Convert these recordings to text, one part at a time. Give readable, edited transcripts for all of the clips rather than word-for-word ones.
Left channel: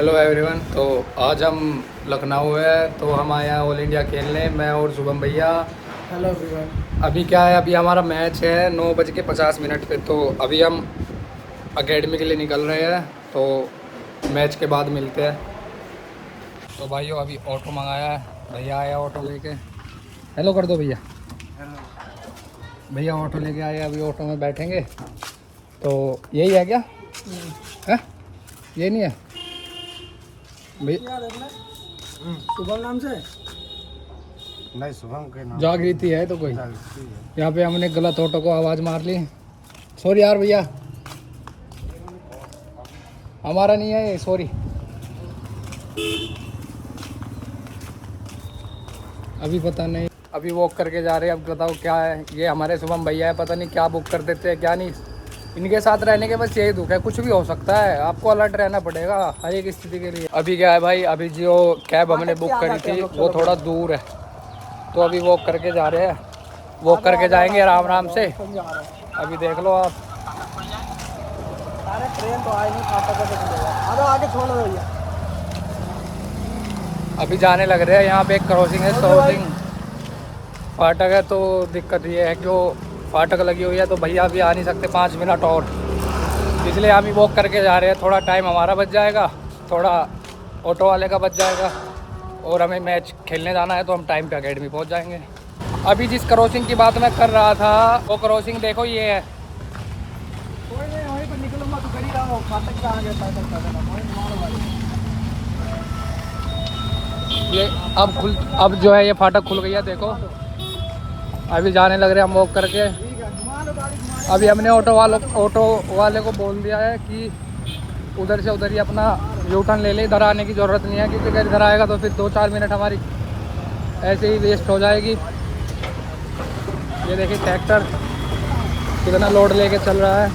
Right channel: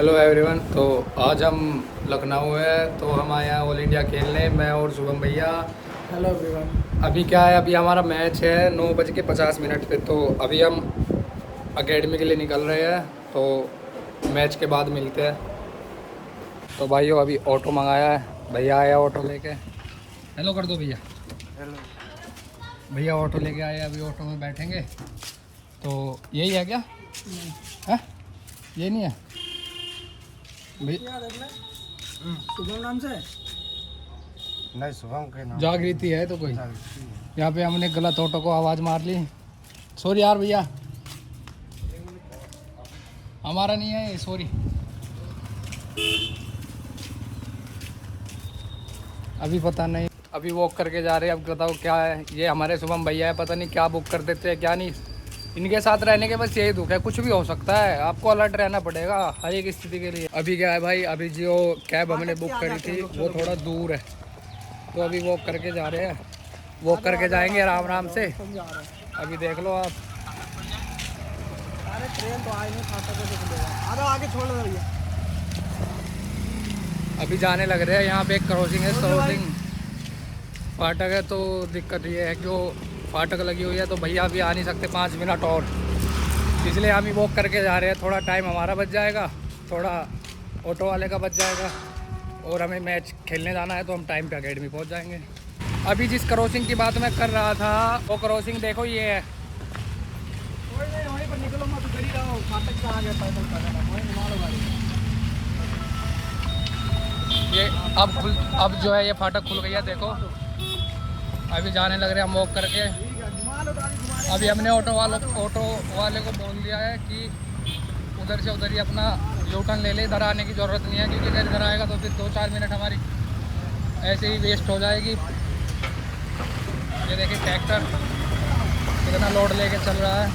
Hello everyone. तो आज हम लखनऊ है, तो हम आए हैं ऑल इंडिया खेलने, मैं और शुभम भैया। Hello everyone. अभी क्या है, अभी हमारा मैच है 9:50 पे। तो अभी हम एकेडमी के लिए निकल रहे हैं, तो मैच के बाद मिलते हैं। तो भाइयों अभी ऑटो मंगाया है, भैया आया ऑटो लेके। हेलो कर दो भैया। भैया ऑटो लेके आए, अभी ऑटो में बैठेंगे। तो यही है क्या? है ये नहीं है भैया? शुभम नाम से नहीं, शुभम के नाम जागृति है तो कोई। जागृति है। यहाँ पे हमने गलत ऑटो को आवाज़ मार ली, सॉरी यार भैया, हमारा नहीं है ये, सॉरी। अभी पता नहीं, अभी वॉक करके जा रहे हैं। अब बताओ क्या है, ये हमारे शुभम भैया है, पता नहीं क्या बुक कर देते हैं क्या नहीं। इनके साथ रहने के बस यही दुख है, कुछ भी हो सकता है, आपको अलर्ट रहना पड़ेगा हर एक स्थिति के लिए। अभी क्या है भाई, अभी जो कैब हमने बुक करी थी वो थोड़ा दूर है, तो अभी वॉक करके जा रहे हैं। वॉक करके जाएंगे आराम आराम से। अभी देख लो आप, अरे ट्रेन तो आई नहीं, खाता कैसे खुलेगा? अरे आगे छोड़ दो भैया। अभी जाने लग रहे हैं। यहाँ पे एक क्रॉसिंग है, क्रॉसिंग फाटक है। तो दिक्कत ये है कि वो फाटक लगी हुई है, तो भैया अभी आ नहीं सकते 5 मिनट और, इसलिए हम ही वॉक करके जा रहे हैं। थोड़ा टाइम हमारा बच जाएगा, थोड़ा ऑटो वाले का बच जाएगा, और हमें मैच खेलने जाना है तो हम टाइम पे एकेडमी पहुंच जाएंगे। अभी जिस क्रॉसिंग की बात मैं कर रहा था, वो क्रॉसिंग देखो ये है। कोई नहीं, वहीं पर निकलो मत, कर ही रहा हूँ। फाटक से आगे पैदल पैदल वहीं मारो भाई। ये अब जो है ये फाटक खुल गई है, देखो। अभी जाने लग रहे हैं हम वॉक करके। घुमा लो गाड़ी, घुमा लो। अभी हमने ऑटो वाले को बोल दिया है कि उधर से उधर ही अपना यू टर्न ले ले, इधर आने की ज़रूरत नहीं है, क्योंकि अगर इधर आएगा तो फिर 2-4 मिनट हमारी ऐसे ही वेस्ट हो जाएगी। ये देखिए ट्रैक्टर कितना लोड लेके चल रहा है।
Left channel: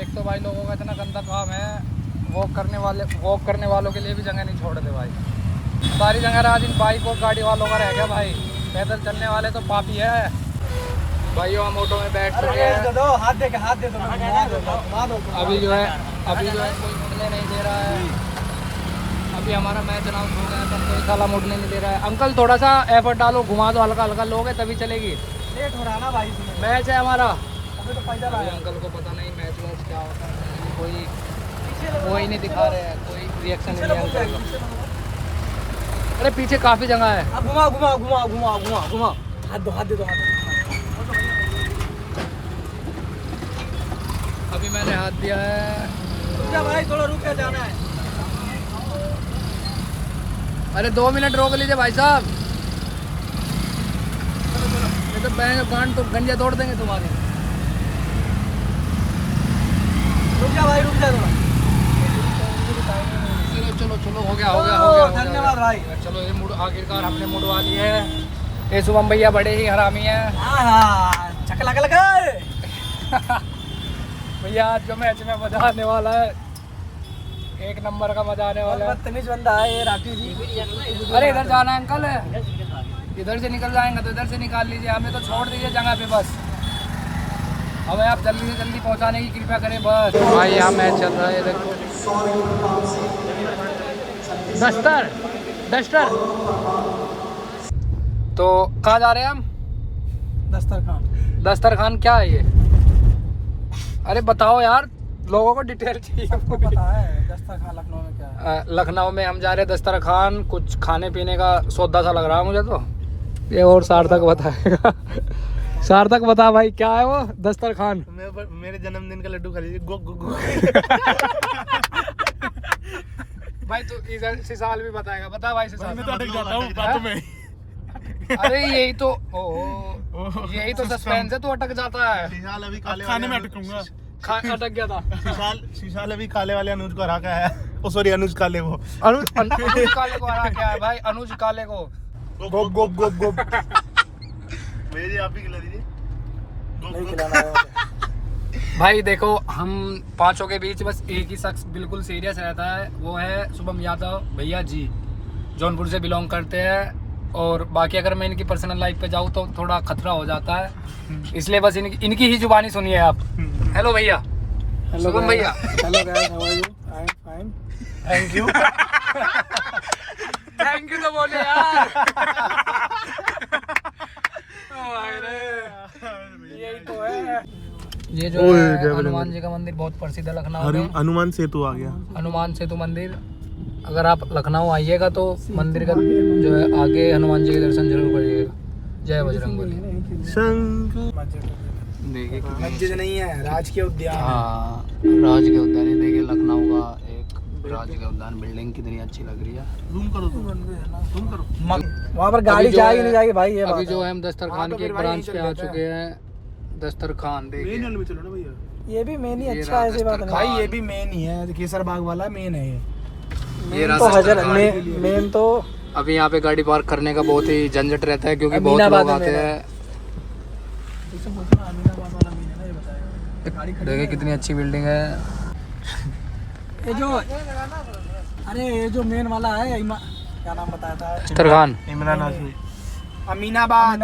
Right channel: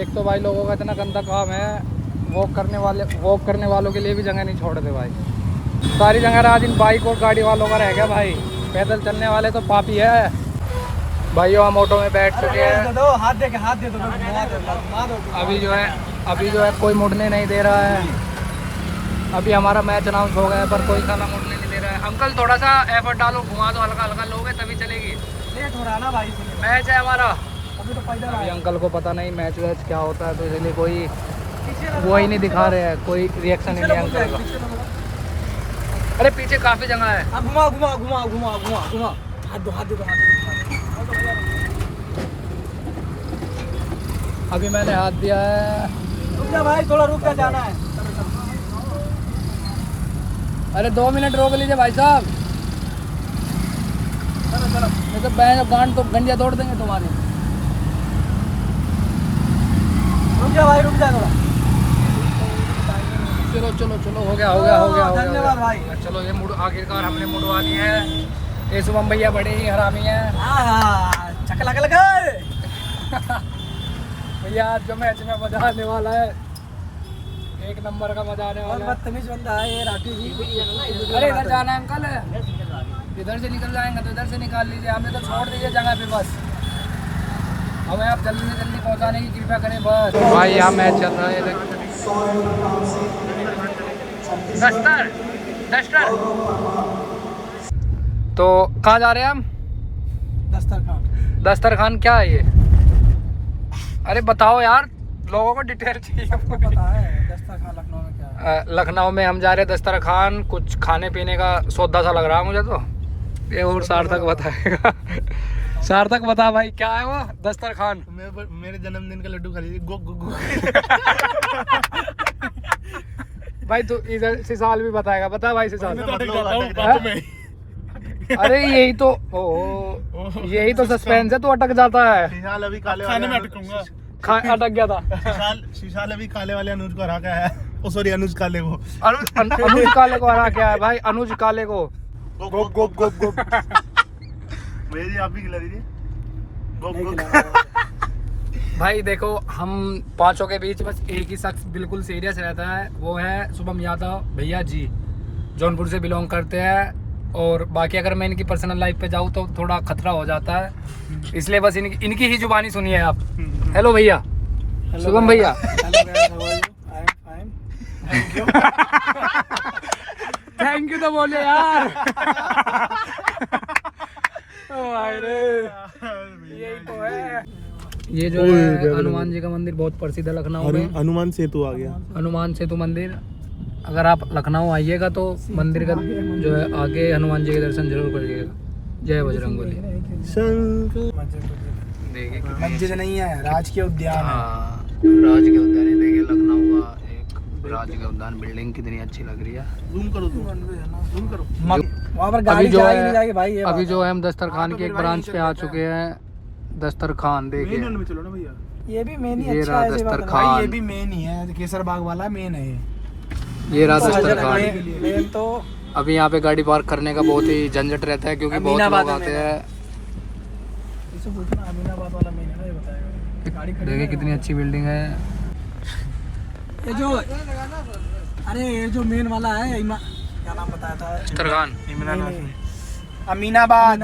एक तो भाई लोगों का इतना गंदा काम है, वॉक करने वालों के लिए भी जगह नहीं छोड़ते भाई। सारी जगह आज इन बाइक और गाड़ी वालों का रह गया भाई, पैदल चलने वाले तो पापी है। भाइयों हम ऑटो में बैठ चुके हैं। दे दो, हाथ दे के हाथ दे दो, घुमा दो। अभी जो है कोई मुड़ने नहीं दे रहा है। अभी हमारा मैच अनाउंस हो गया है, पर कोई साला मुड़ने नहीं दे रहा है। अंकल थोड़ा सा एफर्ट डालो, घुमा दो, हल्का हल्का लोगे तभी चलेगी। लेट हो रहा है ना भाई, मैच है हमारा। अभी तो पैदल अभी आया। अंकल को पता नहीं मैच वैच क्या होता है, तो इसलिए कोई वो ही नहीं दिखा रहे हैं, कोई रिएक्शन नहीं है अंकल का। अरे पीछे काफ़ी जगह है। अब घुमा घुमा घुमा घुमा घुमा घुमा, हाथ दो, हाथ दे दो, हाथ दो। अभी मैंने हाथ दिया है। रुक जा भाई, थोड़ा रुक जा, जाना है। अरे 2 मिनट रोक लीजिए भाई साहब, चलो चलो। नहीं तो बैंड तो गंजिया तोड़ देंगे तुम्हारी। रुक जा भाई, रुक जा थोड़ा। चलो चलो चलो, हो गया। धन्यवाद भाई। चलो ये मुड़ आखिरकार हमने मुड़वा लिया है। ये शुभम भैया बड़े ही हरामी हैं। हाँ, चकला का लगा। भैया आज जो मैच में मजा आने वाला है, एक नंबर का मजा आने वाला है। बदतमीज बंदा है ये राठी जी। अरे इधर जाना है अंकल, इधर से निकल जाएंगे तो इधर से निकाल लीजिए, हमें तो छोड़ दीजिए जगह पे बस। हमें आप जल्दी से जल्दी पहुंचाने की कृपया करें बस। भाई यहाँ मैच चल रहा है इधर। डस्टर तो कहाँ जा रहे हैं हम? दस्तरखान क्या है ये? अरे बताओ यार, लोगों को डिटेल चाहिए। सबको पता है दस्तरखान लखनऊ में क्या है। लखनऊ में हम जा रहे हैं दस्तरखान, कुछ खाने पीने का सौदा सा लग रहा है मुझे तो। ये और सार्थक बताएगा। सार्थक बता भाई, क्या है वो दस्तरखान? मेरे जन्मदिन का लड्डू खरीदी। गो गो गो। भाई तू इधर सिसाल भी बताएगा, बता भाई सिसाल। मैं तो अटक जाता हूँ बातों में। अरे यही तो सस्पेंस है, तू अटक जाता है। शीशाल अभी काले खाने में अटकूंगा। अटक गया था। शीशाल अभी काले वाले अनुज को हरा के आया। ओ सॉरी, अनुज काले को। अनुज काले को हरा क्या है भाई? अनुज काले को गोप गोप गोप गोप। मेरी आप ही खिला दीजिए। नहीं खिलाना। भाई देखो, हम पांचों के बीच बस एक ही शख्स बिल्कुल सीरियस रहता है, वो है शुभम यादव भैया जी। जौनपुर से बिलोंग करते हैं, और बाकी अगर मैं इनकी पर्सनल लाइफ पे जाऊँ तो थोड़ा खतरा हो जाता है, इसलिए बस इनकी ही जुबानी सुनिए आप। हेलो भैया, शुभम भैया। Hello guys, how are you? I am fine, thank you. Thank you तो बोलो यार। यही तो है। ये जो है हनुमान जी का मंदिर बहुत प्रसिद्ध है लखनऊ में। हनुमान सेतु आ गया। हनुमान सेतु मंदिर, अगर आप लखनऊ आइएगा तो मंदिर का जो है आगे हनुमान जी के दर्शन जरूर करिएगा। जय बजरंगबली। शंकर मस्जिद नहीं है, राजकीय उद्यान है। हाँ, राजकीय उद्यान है। देखिए लखनऊ का एक राजकीय उद्यान, बिल्डिंग कितनी अच्छी लग रही है। जूम करो, जूम करो। वहाँ पर गाड़ी जाएगी नहीं जाएगी भाई, ये अभी बात जो है हम दस्तरखान के एक ब्रांच पे आ चुके हैं। दस्तरखान देखिए, में चलो ना भैया। है। ये भी मेन ही ये अच्छा रहा है, ऐसी बात नहीं। दस्तरखान। भाई ये भी मेन ही है, केसर बाग वाला मेन है ये। ये रहा तो दस्तरखान। मेन तो अभी यहाँ पे गाड़ी पार्क करने का बहुत ही झंझट रहता है क्योंकि बहुत अमीनाबाद लोग आते में हैं। इसे पूछना, अमीनाबाद वाला मेन है ना, ये बताएगा। गाड़ी खड़ी देखिए कितनी अच्छी बिल्डिंग है। ये जो, अरे ये जो मेन वाला है, क्या नाम बताया था? दस्तरखान अमीनाबाद।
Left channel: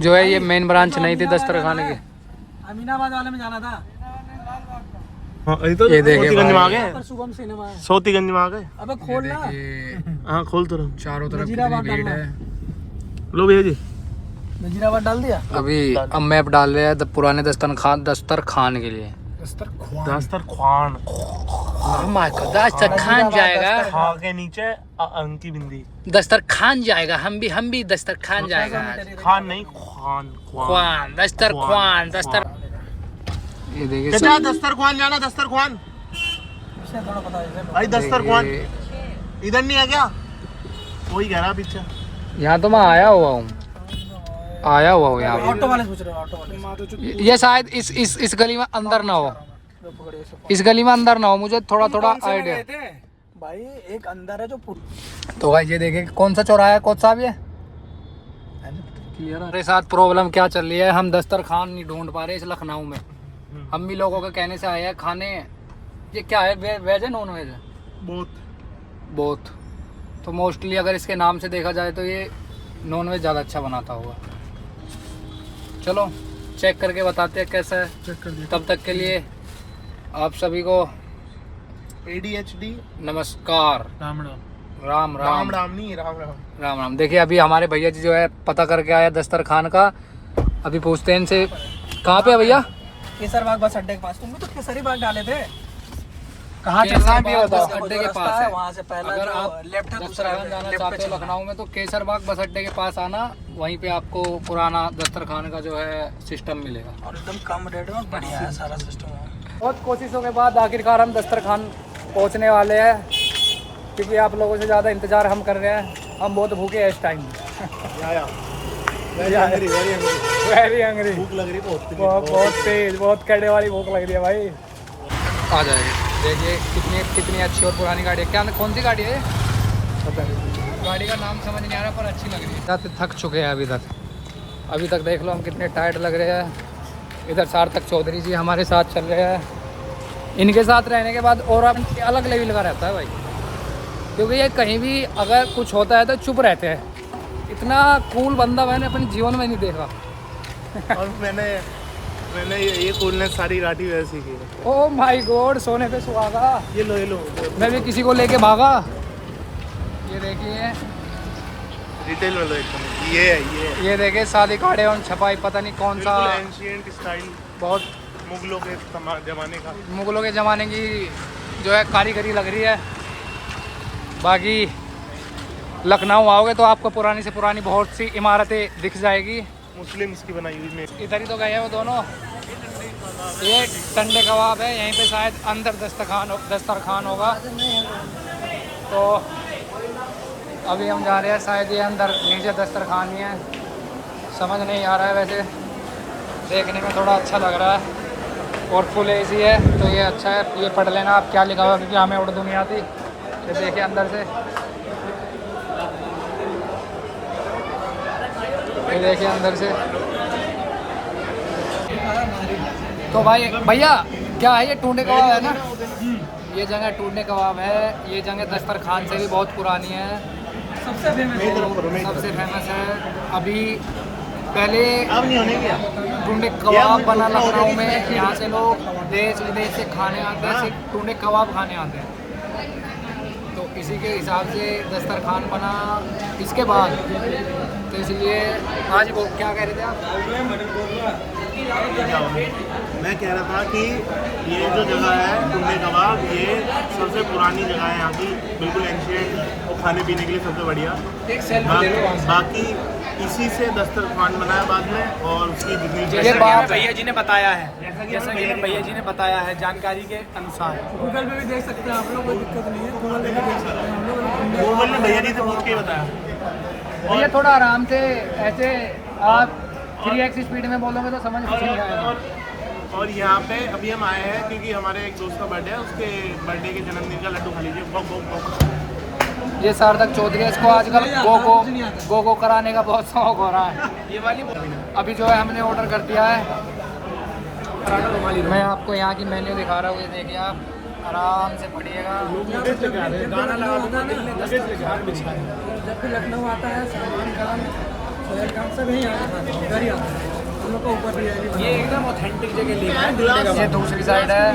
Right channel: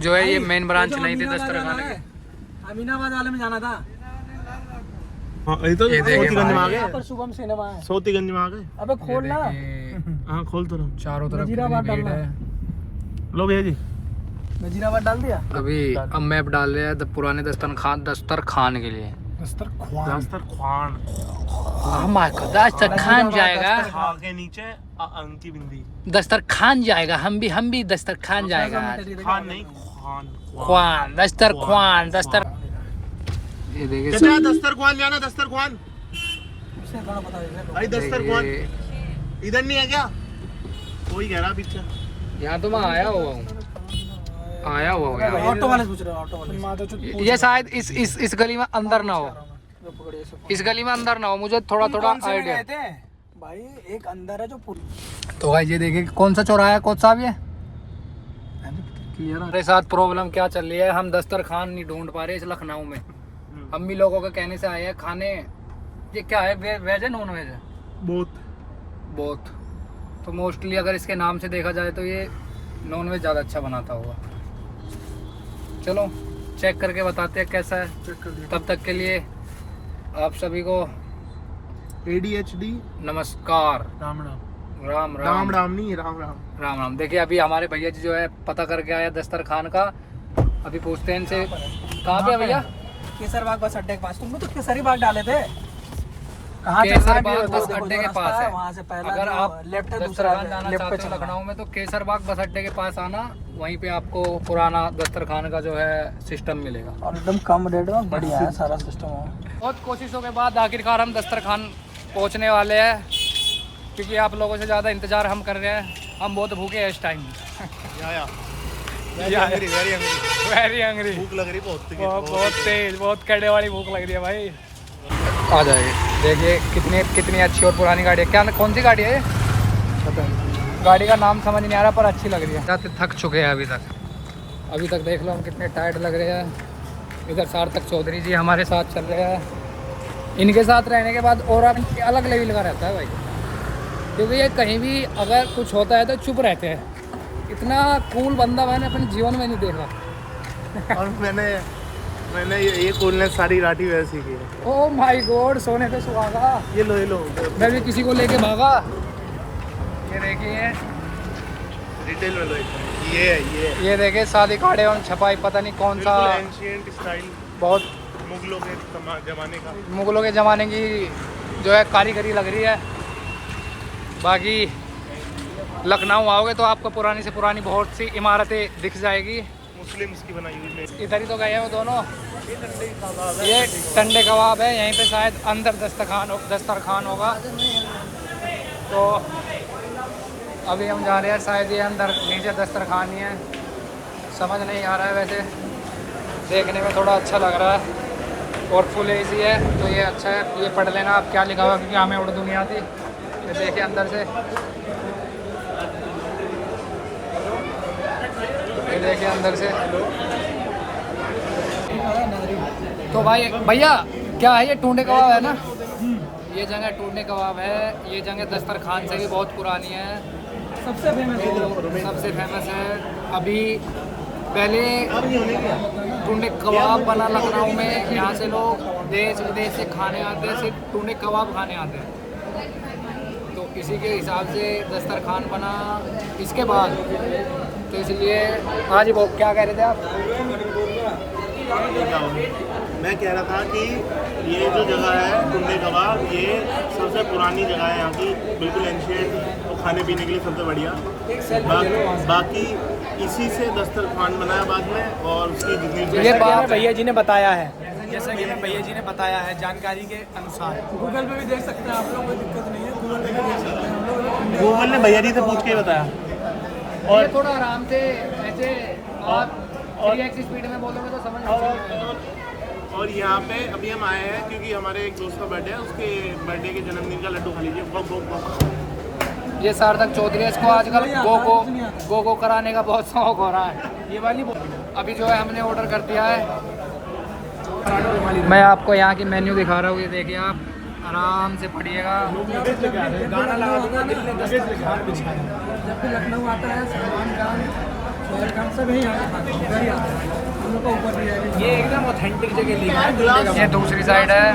जो है ये मेन ब्रांच नहीं थी दस्तरखान की। अमीनाबाद वाले में जाना था। हाँ, तो ये देखिए सोतीगंज में आ भाई। गए। पर शुभम सिनेमा है। सोतीगंज में आ गए। अबे ये खोल ना। देखिए हाँ खोल तो रहा। चारों तरफ नजीराबाद कितनी भीड़ डालना है। लो भैया जी। नजीराबाद डाल दिया। अभी अब मैप डाल रहे हैं पुराने दस्तरखान के लिए। दस्तरखान दस्तरखान जाएगा, खा के नीचे अंकी बिंदी। दस्तरखान जाएगा। हम भी दस्तरखान जाएगा आज। खान नहीं, खान ख्वान दस्तरखान दस्तर। ये देखिए चाचा दस्तरखान जाना, दस्तरखान इसने थोड़ा पता है। भाई दस्तरखान देखिए, इधर नहीं है क्या? वही कह रहा पीछे। यहाँ तो मैं आया हुआ हूँ यहाँ ऑटो वाले पूछ रहे हो, ऑटो वाले। पे। ये शायद इस गली में अंदर ना हो, इस गली में अंदर ना हो, मुझे थोड़ा आइडिया। भाई एक अंदर है जो पूरी। तो भाई ये देखिए कौन सा चौराहा है कोच साहब ये। मेरे साथ प्रॉब्लम क्या चल रही है, हम दस्तरखान नहीं ढूंढ पा रहे इस लखनऊ में। हम भी लोगों के कहने से आए हैं खाने। ये क्या है, वेज है नॉन वेज है? बोथ। तो मोस्टली अगर इसके नाम से देखा जाए तो ये नॉन वेज ज़्यादा अच्छा बनाता होगा। चलो चेक करके बताते हैं कैसा है। तब तक के लिए आप सभी को ADHD नमस्कार। राम राम राम नहीं, राम राम राम। देखिए अभी हमारे भैया जी जो है पता करके आया दस्तरखान का। अभी पूछते हैं इनसे कहाँ पे है भैया। केसर बाग बस अड्डे के पास। तुमने तो केसरी बाग डाले थे। कहाँ केसर बाग बस अड्डे के पास है। वहाँ से पहला अगर आप लेफ्ट दस्तरखान जाना चाहते हो लखनऊ में तो केसर बाग बस अड्डे के पास आना, वहीं पे आपको पुराना दस्तरखान का जो है सिस्टम मिलेगा। और एकदम कम रेट में बढ़िया है सारा सिस्टम। बहुत कोशिशों के बाद आखिरकार हम दस्तरखान पहुंचने वाले हैं, क्योंकि आप लोगों से ज़्यादा इंतज़ार हम कर रहे हैं। हम बहुत भूखे हैं इस टाइम। Very hungry. भूख लग रही बहुत तेज, बहुत कड़े वाली भूख लग रही है भाई। आ जाएगी। देखिए कितनी अच्छी और पुरानी गाड़ी है। क्या कौन सी गाड़ी है ये? पता नहीं, गाड़ी का नाम समझ नहीं आ रहा पर अच्छी लग रही है। थक चुके हैं अभी तक देख लो हम कितने टायर्ड लग रहे हैं। इधर सार्थक चौधरी जी हमारे साथ चल रहे हैं। इनके साथ रहने के बाद और अलग लेवल का रहता है भाई, क्योंकि ये कहीं भी अगर कुछ होता है तो चुप रहते हैं। इतना कूल बंदा मैंने अपने जीवन में नहीं देखा। और मैंने ये कूलनेस सारी राठी वैसी की है। ओ माय गॉड, सोने पे सुहागा। ये लो मैं भी किसी को लेके भागा। ये देखिए, डिटेल में लो एकदम। ये देखिए शादी कार्ड एवं छपाई, पता नहीं कौन सा एंशिएंट स्टाइल, बहुत मुगलों के जमाने का। मुगलों के ज़माने की जो है कारीगरी लग रही है। बाकी लखनऊ आओगे तो आपको पुरानी से पुरानी बहुत सी इमारतें दिख जाएगी। मुस्लिम्स की बनाई हुई। इधर ही तो गए हैं वो दोनों। ये टंडे कबाब है, यहीं पे शायद अंदर दस्तरखान होगा। तो अभी हम जा रहे हैं, शायद ये अंदर नीचे दस्तरखान ही है। समझ नहीं आ रहा है, वैसे देखने में थोड़ा अच्छा लग रहा है और फुल एसी है तो ये अच्छा है। ये पढ़ लेना आप क्या लिखा हुआ, क्योंकि हमें उर्दू नहीं आती। तो देखिए अंदर से, ये देखिए अंदर से। तो भाई भैया क्या है ये? टूंडे कबाब है ना? ये जगह टूंडे कबाब है। ये जगह दस्तरखान से भी बहुत पुरानी है। सबसे फेमस सबसे फेमस है अभी। पहले अब नहीं होने क्या टुंडे कबाब बना लखनऊ में, यहाँ से लोग देश विदेश से खाने आते हैं, सिर्फ टुंडे कबाब खाने आते हैं। तो इसी के हिसाब से दस्तरखान बना इसके बाद। तो इसलिए हाँ जी, बहुत क्या कह रहे थे आप? मैं कह रहा था कि ये जो जगह है टुंडे कबाब, ये सबसे पुरानी जगह है यहाँ की, बिल्कुल एंशियंट और खाने पीने के लिए सबसे बढ़िया। बाकी इसी से दस्तरखान बनाया बाद में, और उसकी जितनी ये बात भैया जी ने बताया है, जैसा कि भैया जी ने बताया है जानकारी के अनुसार। गूगल पे भी देख सकते हैं आप लोग, कोई दिक्कत नहीं है, गूगल पे भी देख सकते हैं हम लोग। गूगल ने भैया जी से पूछ के बताया। ये थोड़ा आराम से ऐसे आप 3x स्पीड में बोलोगे तो समझ नहीं आएगा। और यहाँ पे अभी हम आए हैं क्योंकि हमारे एक दोस्त का बर्थडे है, उसके बर्थडे के जन्मदिन का लड्डू खा लीजिए। बक बक बक। ये सार्थक चौधरी है, इसको आजकल गो कराने का बहुत शौक हो रहा है। ये वाली अभी जो है हमने ऑर्डर कर दिया है। मैं आपको यहाँ की मेन्यू दिखा रहा हूँ, ये देखिए आप आराम से पढ़िएगा। जब भी लखनऊ आता है सलमान खान, सोहेल खान सब यहीं आके खाते हैं, इधर ही आते हैं। हम लोग को ऊपर भी है, ये एकदम ऑथेंटिक जगह ली है। ये दूसरी साइड है,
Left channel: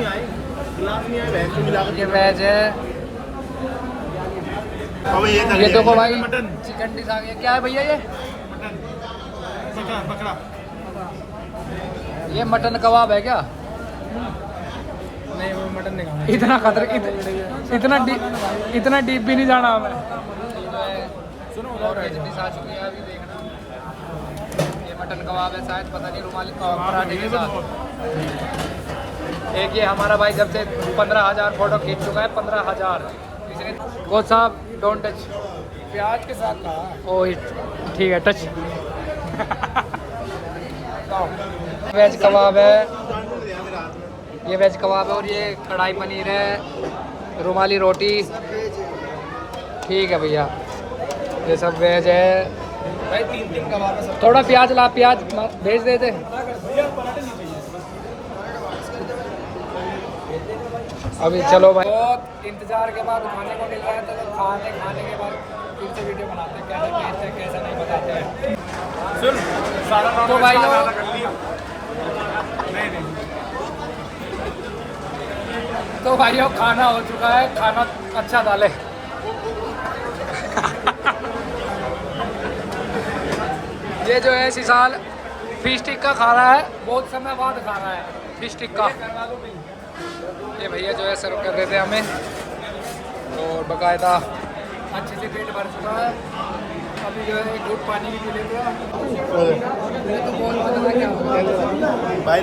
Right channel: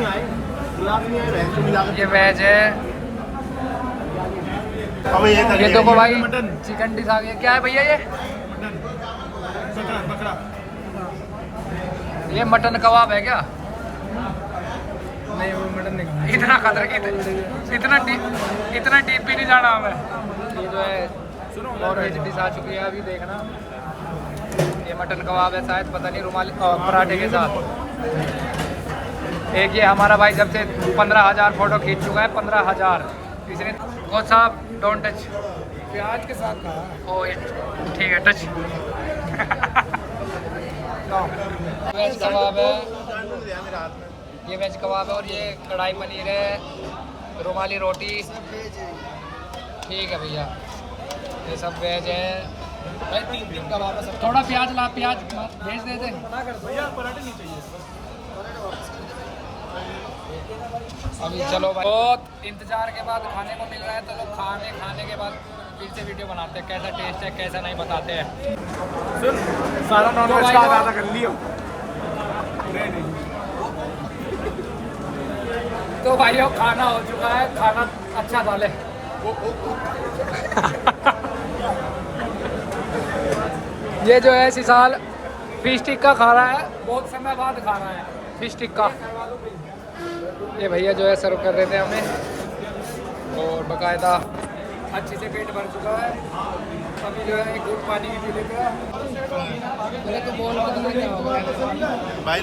ये वेज है। ये देखो भाई चिकन डिश आ गई। क्या है भैया ये? ये मटन कबाब है क्या? नहीं, वो मटन नहीं खाना। इतना खतरे इतना डीप भी नहीं जाना हमें। ये जो है नॉन वेज डिश आ चुकी है, अभी देखना। ये मटन कबाब है शायद, पता नहीं, रुमाली पराठे के साथ। एक ये हमारा भाई जब से 15,000 फोटो खींच चुका है, 15,000। इसने वो साहब डोंट टच, प्याज के साथ कहा। ओ ठीक है, टच। वेज कबाब है, ये वेज कबाब है, और ये कढ़ाई पनीर है, रुमाली रोटी। ठीक है भैया, ये सब वेज है। थोड़ा प्याज ला, प्याज भेज देते। अभी चलो भाई, बहुत इंतजार के बाद खाने को मिल रहा है, तो लोग खाने के बाद फिर से वीडियो बनाते हैं, कैसा टेस्ट है कैसा नहीं बताते हैं। तो भाई भाइयों खाना हो चुका है, खाना अच्छा डाले। ये जो है सिसाल फिश टिक्का खा रहा है, बहुत समय बाद खा रहा है फिश टिक्का। ये भैया जो है सर्व कर रहे थे हमें, और बाकायदा अच्छे से पेट भर चुका है। अभी जो है एक घूट पानी भी पी लेते हैं। भाई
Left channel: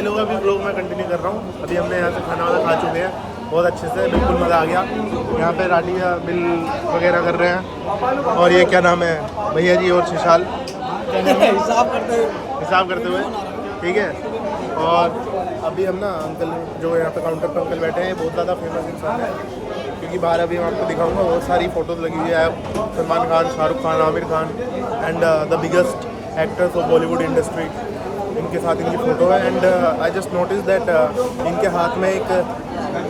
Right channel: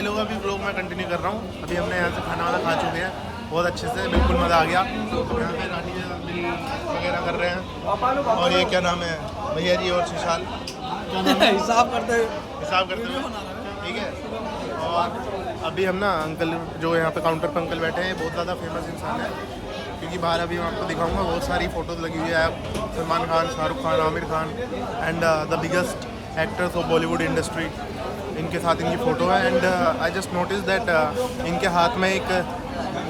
लोग अभी ब्लॉग में कंटिन्यू कर रहा हूँ। अभी हमने यहाँ से खाना वाला खा चुके हैं, बहुत अच्छे से, बिल्कुल मज़ा आ गया। यहाँ पे राठी बिल वगैरह कर रहे हैं, और ये क्या नाम है भैया जी और शिशाल हिसाब करते हुए, ठीक है। और अभी हम ना अंकल जो यहाँ पे काउंटर पर अंकल बैठे हैं, बहुत ज़्यादा फेमस इंसान है, क्योंकि बाहर अभी मैं आपको दिखाऊंगा, बहुत सारी फ़ोटोज़ लगी हुई है। Salman Khan, Shahrukh Khan, Aamir Khan and the biggest actors of Bollywood industry, इनके साथ इनकी फ़ोटो है। And I just notice that इनके हाथ में एक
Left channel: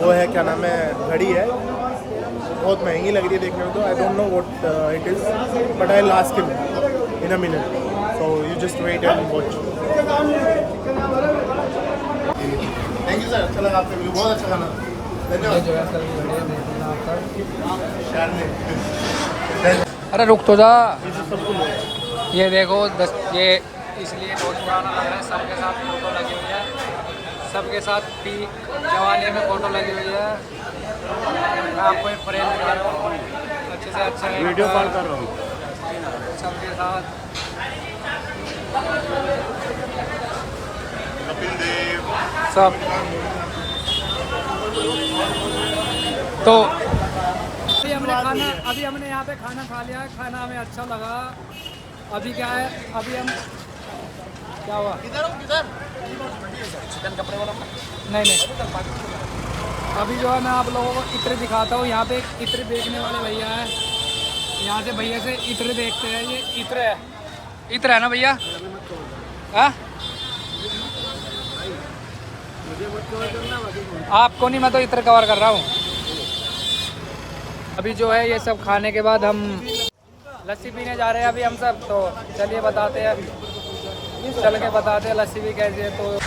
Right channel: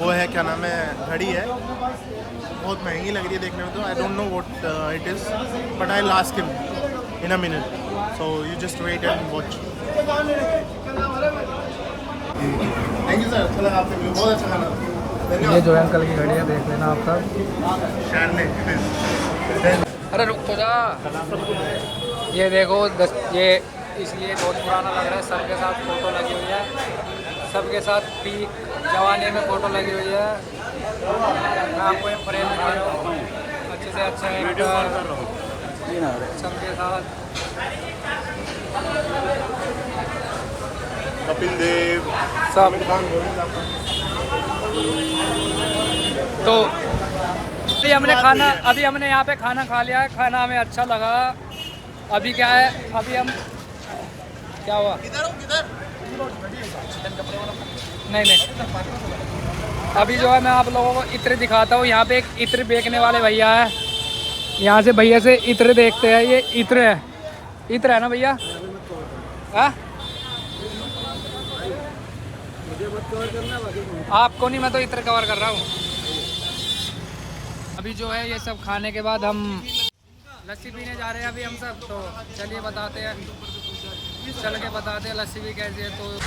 वो है, क्या नाम है, घड़ी है, बहुत महंगी लग रही है देखने में। तो I don't know what it is, but I will ask him in a minute, so you just wait and watch. Thank you sir, अच्छा लगा आपसे मिलकर, बहुत अच्छा खाना। ये जो है अंकल की घड़ी है, देख लेना आप सब। अरे रुक तो जा, ये देखो ये इसलिए बहुत पुराना लग रहा है। सबके साथ फ़ोटो लगी हुई है, सबके साथ पीक जवानी में फ़ोटो लगी हुई है। मैं आपको एक फ्रेम दिखा रहा हूँ, अच्छे से अच्छा है सबके साथ। कपिल देव सब तो अभी हमने यहाँ पे खाना खा लिया है, खाना हमें अच्छा लगा। अभी क्या है, अभी हम क्या हुआ, नहीं अभी जो है मैं आप लोगों को इत्र दिखाता हूँ। यहाँ पे एक इत्र बेचने वाले भैया है, यहाँ से भैया से इत्र देखते हैं। ये इत्र है ना भैया? हाँ आपको नहीं, मैं तो इत्र कवर कर रहा हूँ। अभी जो है ये सब खाने के बाद हम लस्सी पीने जा रहे हैं अभी हम सब। तो चलिए बताते हैं, चल के बताते हैं लस्सी भी कैसी है। तो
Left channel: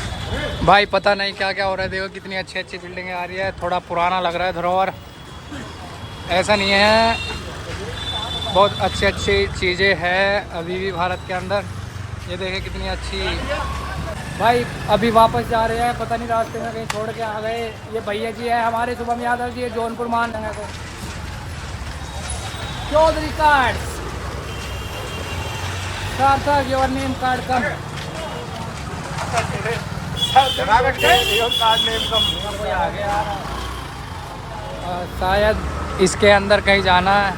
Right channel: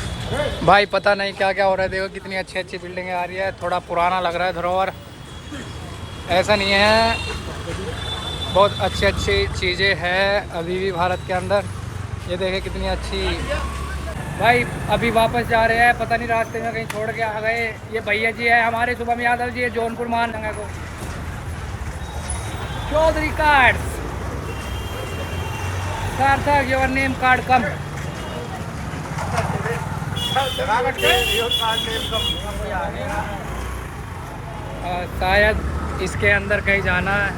भाई पता नहीं क्या क्या हो रहा है, देखो कितनी अच्छी अच्छी बिल्डिंगें आ रही है। थोड़ा पुराना लग रहा है धरोहर, ऐसा नहीं है, बहुत अच्छी अच्छी चीज़ें हैं अभी भी भारत के अंदर। ये देखें कितनी अच्छी। भाई अभी वापस जा रहे हैं, पता नहीं रास्ते में कहीं छोड़ के आ गए। ये भैया जी है हमारे शुभम यादव जी, जौनपुर मान जगह को चौधरी कार्ड्स सार्थक योर नेम कार्ड कम। शायद इसके अंदर कहीं जाना है,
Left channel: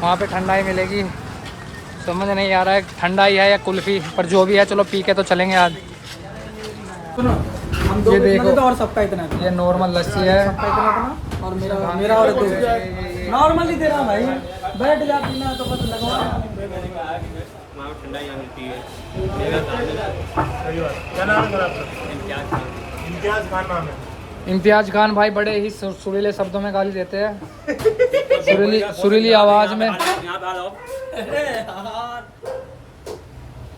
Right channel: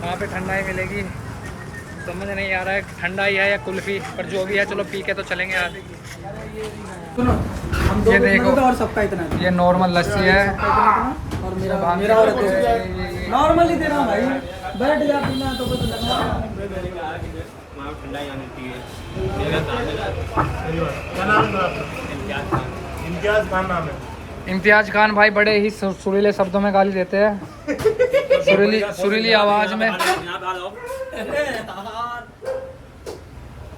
वहाँ पे ठंडाई मिलेगी। समझ नहीं आ रहा है ठंडाई है या कुल्फी, पर जो भी है चलो पी के तो चलेंगे आज। ये देखो और सबका इतना ये नॉर्मल लस्सी है और मेरा और नॉर्मली दे रहा भाई, बैठ जा पीना तो कुछ लगा। इम्तियाज खान भाई बड़े ही सुरीले शब्दों में गाली देते हैं, सुरीली आवाज में।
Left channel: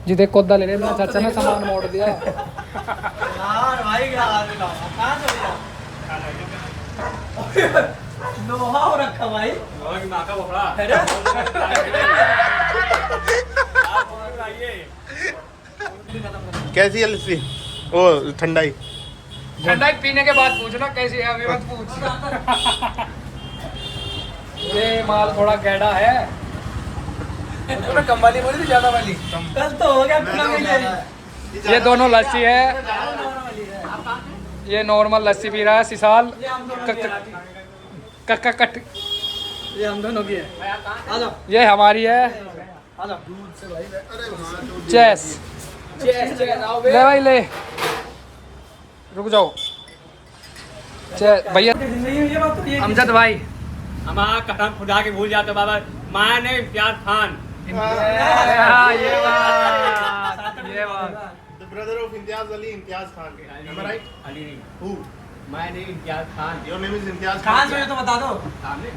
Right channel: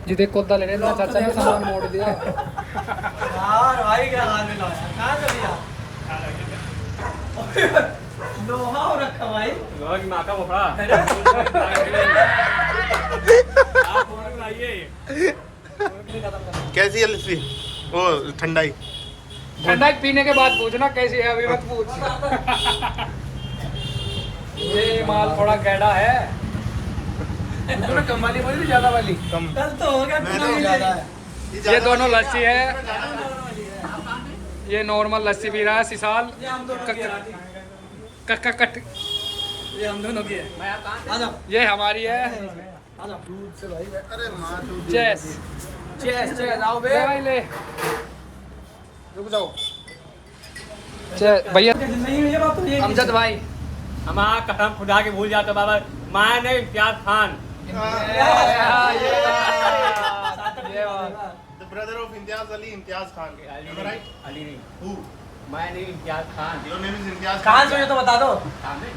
जी देख कोदा ले रहे चाचा ने सामान मोड़ दिया यार भाई क्या कहां से लिया लोहा रखा भाई, लोहा की मां का बोपड़ा। कैसी है लस्सी? ओ ठंडाई ठंडाई पीने के बाद पूछना कैसी है, अभी मत पूछ। ये माल थोड़ा गैड़ा है, कम वाली बोली ज्यादा वाली। कल तो हो गया पूरा मिल जाए। ये दोनों लस्सी है, ये नॉर्मल लस्सी पी रहा है सिसाल कट। ये हम दोनों की है, ये हमारी है चेस। ले भाई ले, रुक जाओ भैया। अमजद भाई हमारा कसम खुदा के भूल जाते बाबा, माया ने इम्तियाज खान। ये बात The brother of Imtiaz Ali, Imtiaz Khan. Am I right? Ali नहीं, Who? माया नहीं Imtiaz Khan. Your name is Imtiaz कहां से तो बता दो। सामने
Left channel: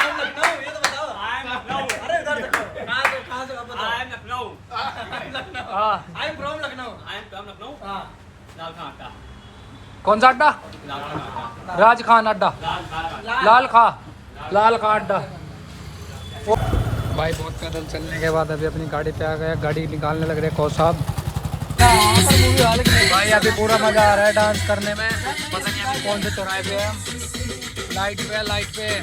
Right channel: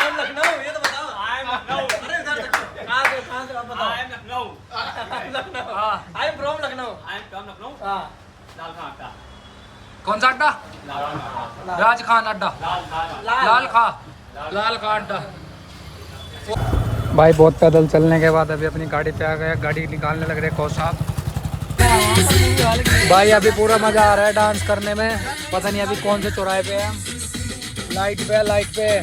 हम लखनऊ, ये तो बताओ। I am Lucknow. अरे इधर देखो, कहां से बताओ। I am Lucknow. हाँ I am from Lucknow. I am from Lucknow. हां लाल खान का, कौन सा अड्डा? लाल खान का, राज खान अड्डा, लाल खान का। लाल खान अड्डा। भाई बहुत पैदल चलने के बाद अभी अपनी गाड़ी पे आ गया, गाड़ी निकालने लग रहे कौन साहब। भाई अभी पूरा मजा आ रहा है डांस करने में, पता नहीं अभी कौन से चौराहे पे है। लाइट पे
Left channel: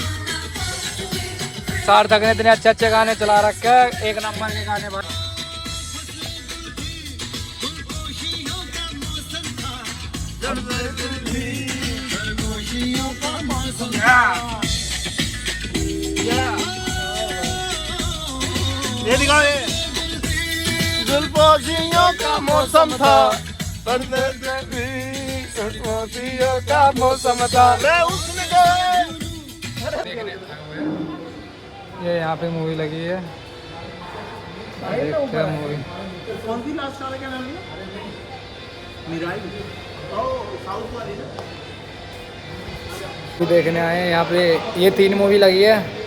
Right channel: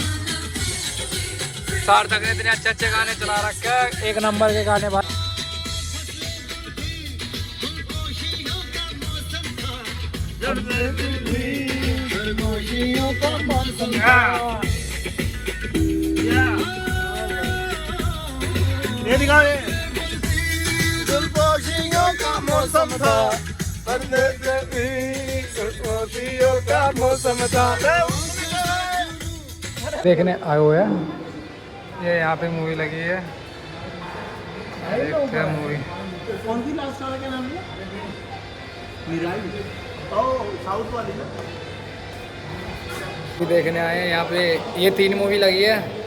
सार्थक ने इतने अच्छे अच्छे गाने चला रखे हैं, एक नंबर के गाने भाई। ये दिखाओ ये। का मौसम था, का मौसम था। देखने आए हुए हैं, ये यहाँ पे मूवी लगी है, देखते हैं मूवी। कौन सी लास्ट वाला क्या नाम है? मिराई। ओह साउथ वाली ना। देखने आए हैं यहाँ पे, ये 3 मूवी लगी है।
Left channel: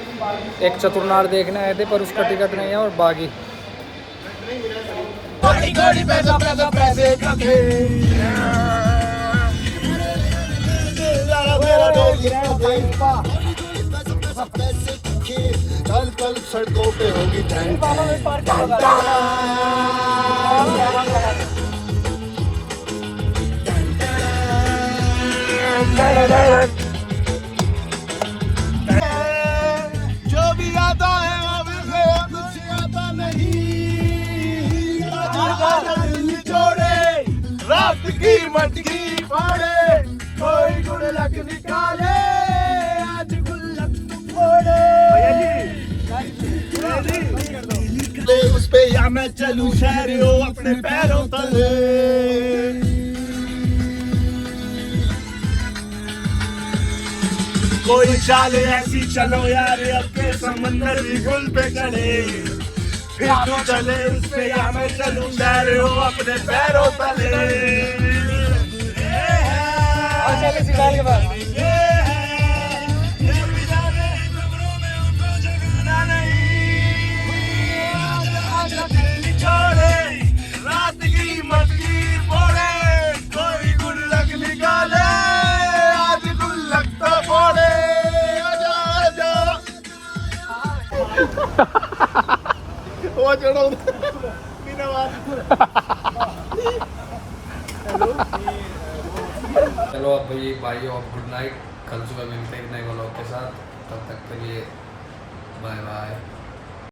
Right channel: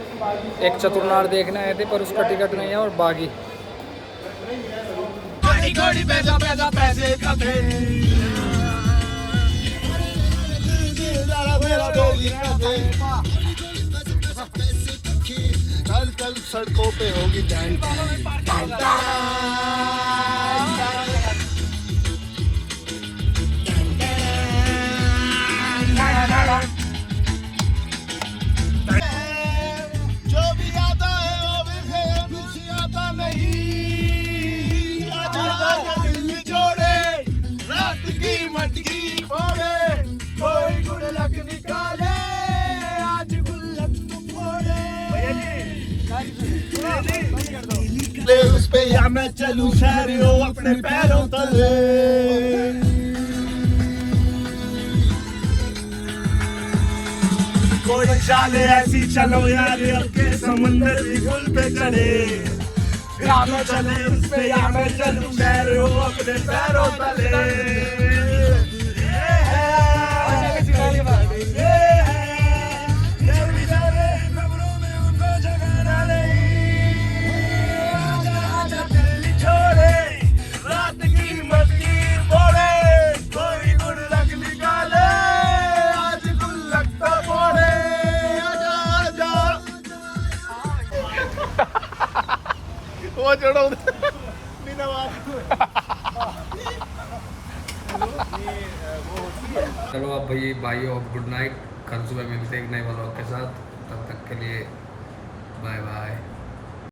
एक चतुरनार देखने आए थे पर उसका टिकट नहीं है, और बागी कल सड़कों पे होगी जो भी आता है वो कुछ आता नहीं। दिल छोड़े रात की मटकी फाड़े, कोई गुड़लक निकाले आज गुल्लक तुम फोड़े। उस पे या मैं चलूं शहरों अपने पैरों तले। कोई चाले ऐसी चलो यार अब के समंदर भी गुल पे चढ़े। या मैं चले उस पे या मैं चलूं शहरों अपने पैरों तले। ये है ये बेचारे खबरों में उनको जगाना नहीं आजा दिल्ली छोड़े रात की मस्ती बोले कोई गुल्लक निकाले आज गुल्लक तो फोड़े आजा आजा वो चढ़ो बिना चलो अब भाई और गुड नाइट, कल सुबह मिलते हैं एक नए व्लॉग के साथ, तब तक के लिए बाय बाय।